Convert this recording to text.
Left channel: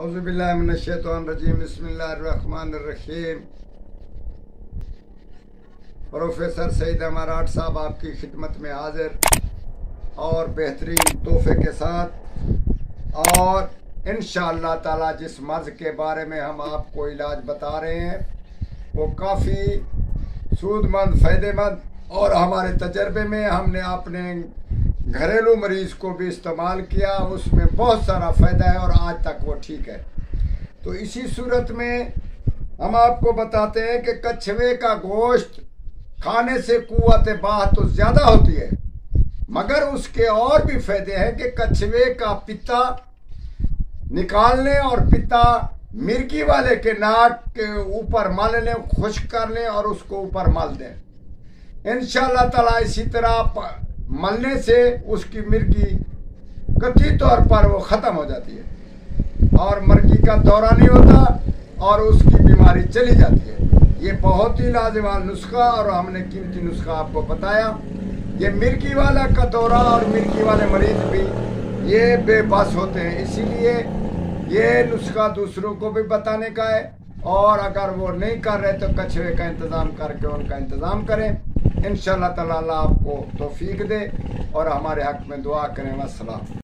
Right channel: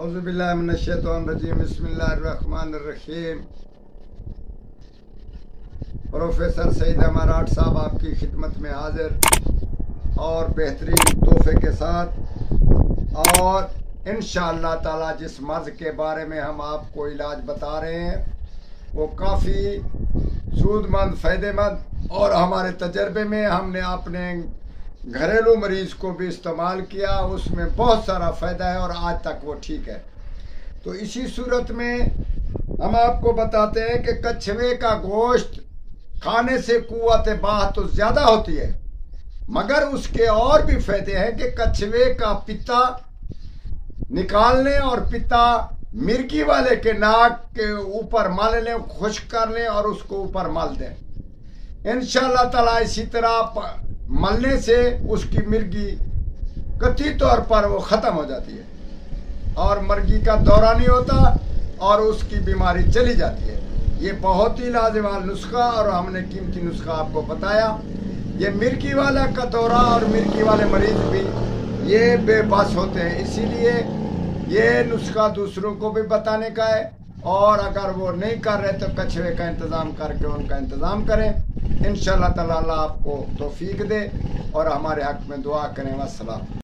اعوذ باللہ من الشیطان الرجیم بسم اللہ الرحمن الرحیم۔ پروفیسر سعید اماراٹ صاحب آپ کی خدمت میں حاضر اور بہترین تحفے کے ساتھ، اور انشاءاللہ تعالی جس مرض کے بارے میں ہم آپ کو علاج بتا رہے ہیں وہ کافی سود مند، فائدہ مند، اور ہمارے تجربے میں ہم نے اپنے گھریلو مریض کو بھی استعمال کیا، اس میں بہت سارا فائدہ ہے اور آج تک وہ ٹھیک ہے۔ تو اسی صورت میں ہم آپ کو بتاتے ہیں کہ کچھوے کا گوشت کھانے سے قوت باہ تو زیادہ ہوتی ہے، مگر اس کے اور بھی فائدے ہیں کہ کچھوے کا پتا نکالنے اور پتا مرگی والے کے ناک کے اوپر مل لیں، خشک کر لیں اور اس کو اوپر مل دیں۔ انشاءاللہ تعالی اسی طرح ملنے سے اس کی مرگی قطعی طور پر وہ ختم ہو جاتی ہے اور مرگی کا دورہ نہیں ہوتا اور اس کی بیماری چلی جاتی ہے۔ یہ بہت ہی لازوال نسخہ اور ہم نے قیمتی نسخہ آپ کو بتایا۔ یہ مرگی والا کا دورہ اور مرگی والے مریض بھی یہ بے بس ہوتے ہیں، اسی لیے یہ نسخہ دوسروں کو بھی بتانے کا ہے، اور اگر وہ نہیں کر رہے تو کچھوے کا انتظام کر کے ان کا انتظام کریں۔ انشاءاللہ تعالی اللہ آپ کو توفیق دے اور ہمارے حق میں دعا کریں۔ والسلام۔